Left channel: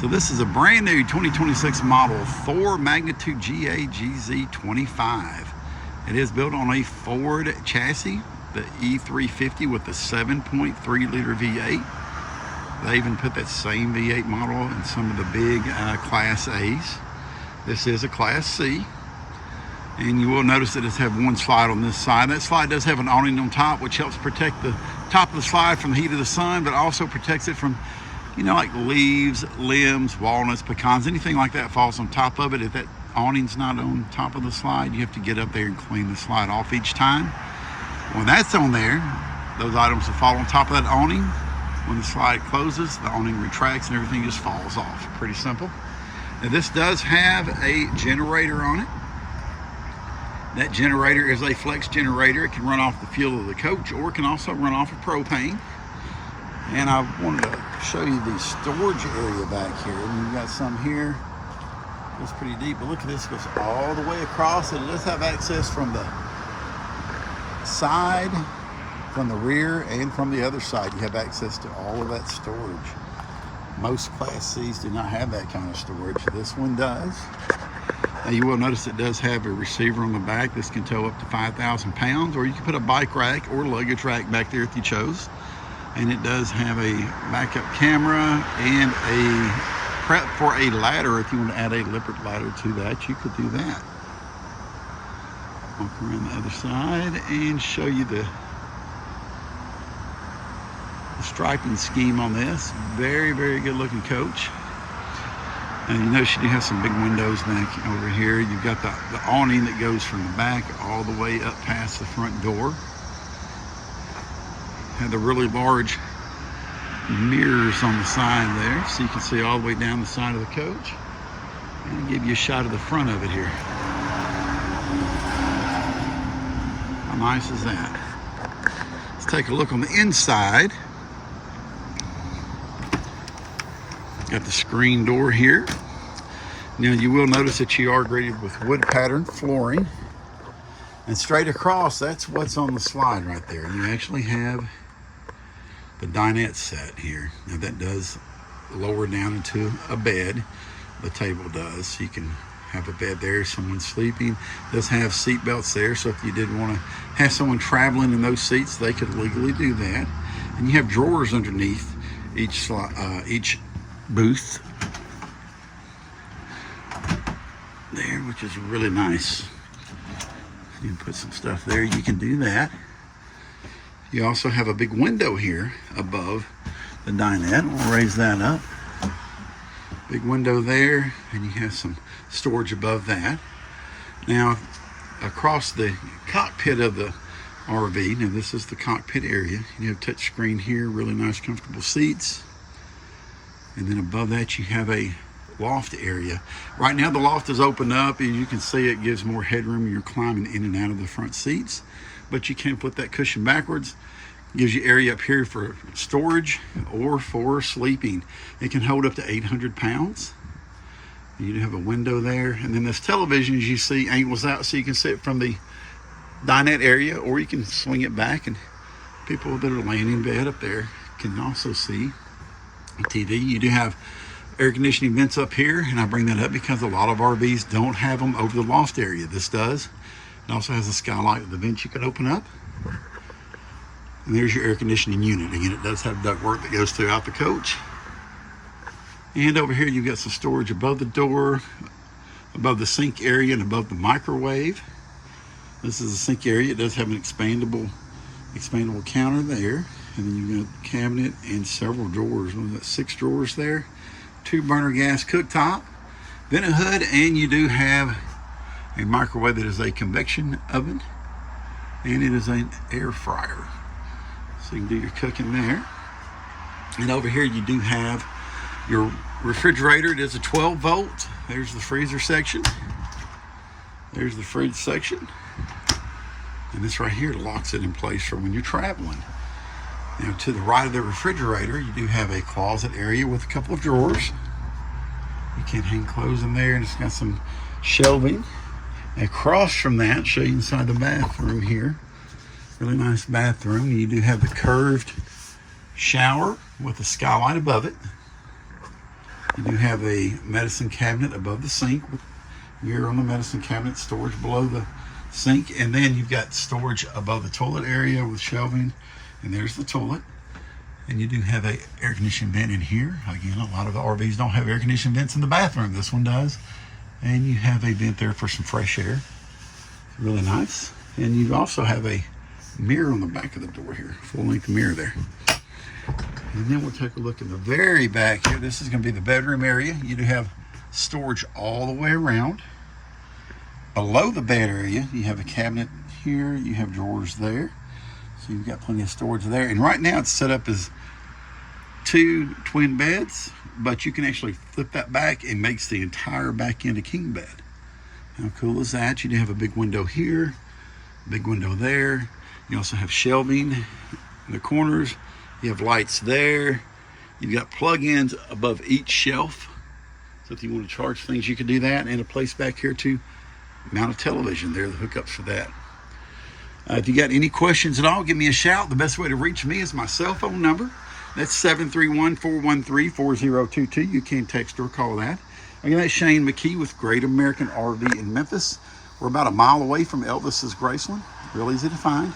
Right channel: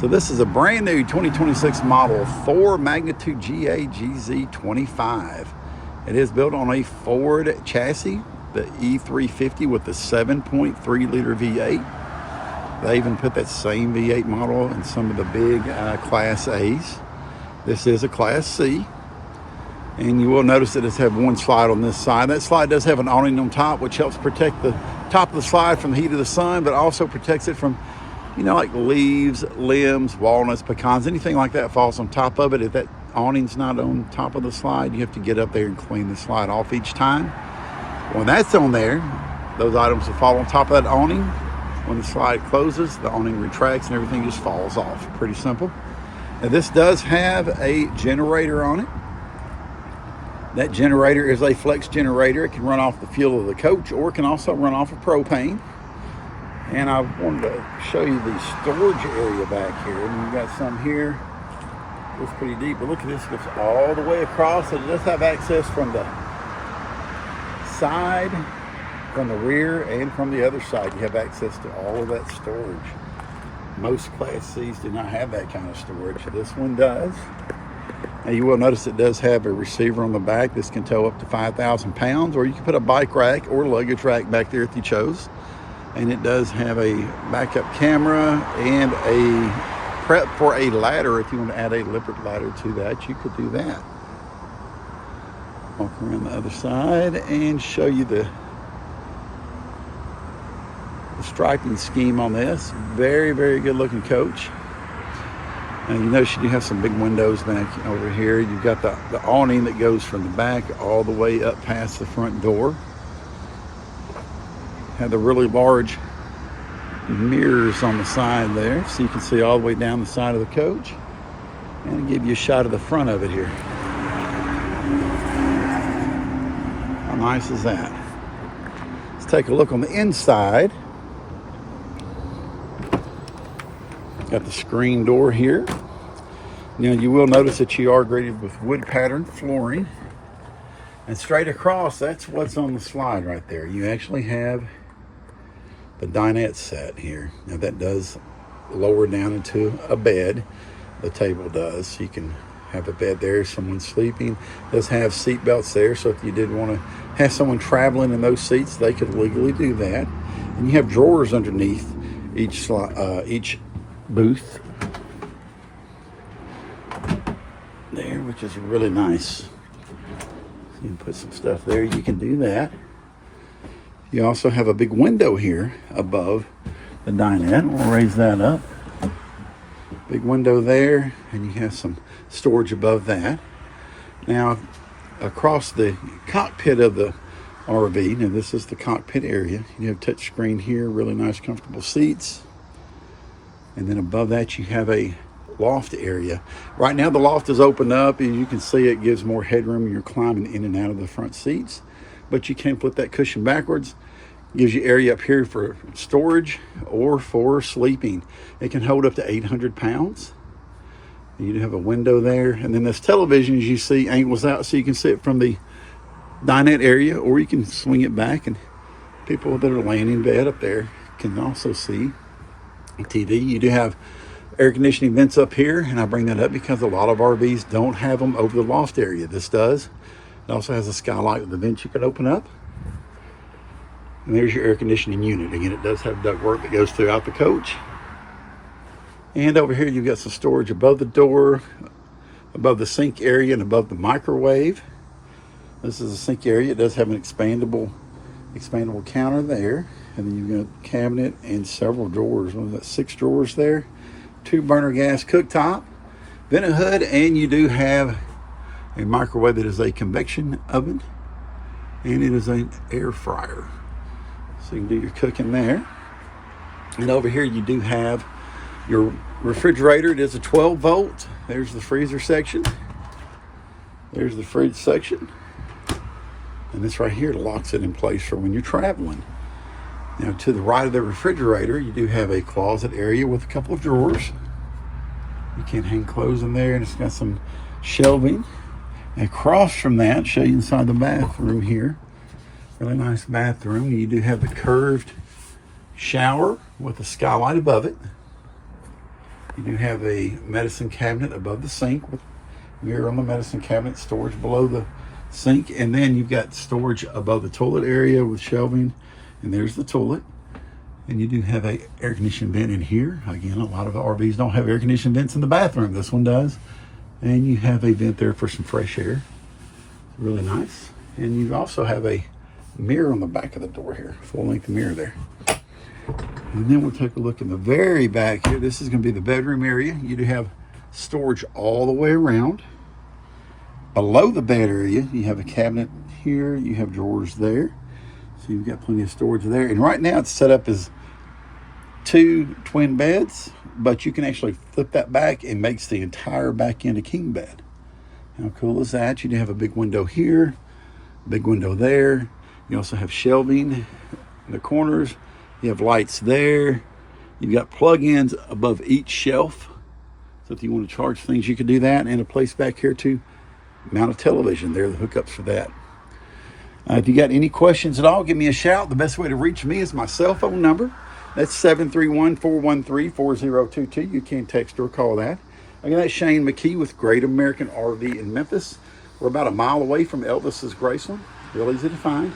So this is a brand new 2026 model Thor Magnitude GA GZ25. It is built on a Ford chassis, the E350 with the 7.3 liter V8. They even put that same V8 model in some of the big Class A's. This is a Class C. And you will notice that it has one slide on this side. That slide does have an awning on top, which helps protect the top of the slide from the heat of the sun, but also protects it from, you know, like leaves, limbs, walnuts, pecans, anything like that falls on top of it. If that awning's not on top of the slide, you have to get up there and clean the slide off each time. When that's on there, those items will fall on top of that awning. When the slide closes, the awning retracts and everything just falls off. Pretty simple. Now this does have a generator on it. That generator is a flex generator. It can run off the fuel of the coach, or it can also run off of propane. And I wanted to show you the storage area back here. And you've got some here. It's pretty deep, but look at this, it goes all the way across. It does have access from the side, from the rear, and from the other side. You have access to all of that storage. Most Class C's do not have that kind of storage. This one does. Now you will notice it does have a receiver on the back. This can tow up to 5,000 pounds, or you can put a bike rack or luggage rack back there if you chose. And it does have a backup camera and a prep for a ladder. If you want to add a lippert ladder to that, you could do that. Walk around the other side and show you the striping scheme on this. Very, very good looking coach. And you notice you do have some big windows back over here. You've got the awning that goes from the back all the way up past the front door. Have the really large mirrors on the side there, so you can see all the way down the side of the coach. And I'll give you a shot of the front of it here. How nice is that? Let's take a look on the inside. Got the screen door here. Now you will notice that you are graded with wood pattern flooring. And straight across, that's what's on the slide right there. You actually have the dinette set here. Now that does lower down into a bed. The table does. So you can have a bed there, someone sleeping. It does have seat belts there, so if you did want to have someone traveling in those seats, they could legally do that. And you have drawers underneath each booth there, which is really nice. You can put some stuff there, you can do that. You also have a big window here above the dinette. We'll raise that up. Big window there, and you have some storage above that. Now, across the cockpit of the RV, now this is the cockpit area. You have touch screen here, really nice comfortable seats. And then above that you have a loft area. Right now the loft is open up, and you can see it gives more headroom. You're climbing in and out of the front seats, but you can flip that cushion backwards. Gives you area up here for storage or for sleeping. It can hold up to 800 pounds. You do have a window there, and then this television, as you see, angles out so you can see it from the dinette area, or you can swing it back, and people that are laying in bed up there can also see TV. You do have air conditioning vents up here, and I bring that up because a lot of RVs don't have them over the loft area. This does. It also has a skylight with the vents you can open up. And there's your air conditioning unit. Again, it does have ductwork that goes throughout the coach. And over here you've got some storage above the door, above the sink area, and above the microwave. This is the sink area. It does have an expandable counter there. And then you've got a cabinet and several drawers. What is that, 6 drawers there? 2 burner gas cooktop, then a hood, and you do have a microwave that is a convection oven, and it is an air fryer. So you can do your cooking there. And over here you do have your refrigerator. It is a 12 volt. There's the freezer section. There's the fridge section. And this right here locks it in place for when you're traveling. Now to the right of the refrigerator, you do have a closet area with a couple of drawers. You can hang clothes in there, and it's got some shelving. And across from that, show you inside the bathroom here. Really nice bathroom. You do have the curved shower with a skylight above it. You do have a medicine cabinet above the sink with mirror on the medicine cabinet, storage below the sink, and then you've got storage above the toilet area with shelving, and there's the toilet. And you do have a air conditioning vent in here. Again, a lot of RVs don't have air conditioning vents in the bathroom. This one does. And you have a vent there for some fresh air. Really nice. And you also have a mirror on the back of the door here, full-length mirror there. And then we'll take a look in the very back here. This is going to be the bedroom area. You do have storage all the way around. Below the bed area, you have a cabinet here. You have drawers there. So you've got plenty of storage there. And right now it's set up as 2 twin beds, but you can actually flip that back and makes the entire back end a king bed. How cool is that? You do have a big window here, big window there. You also have shelving in the corners. You have lights there. You've got plug-ins above each shelf. So if you want to charge things, you can do that. And a place back here to mount a television. There are the hookups for that. If you got any questions at all, give me a shout. The best way to reach me is my cell phone number. That's 731-413-4022. You can text or call that. Again, that's Shayne McKee with Great American RV in Memphis. We're about a mile away from Elvis's Graceland. Real easy to find.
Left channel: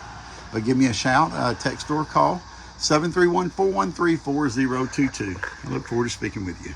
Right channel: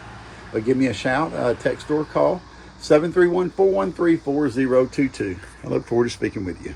But give me a shout, text or call. 731-413-4022. I look forward to speaking with you.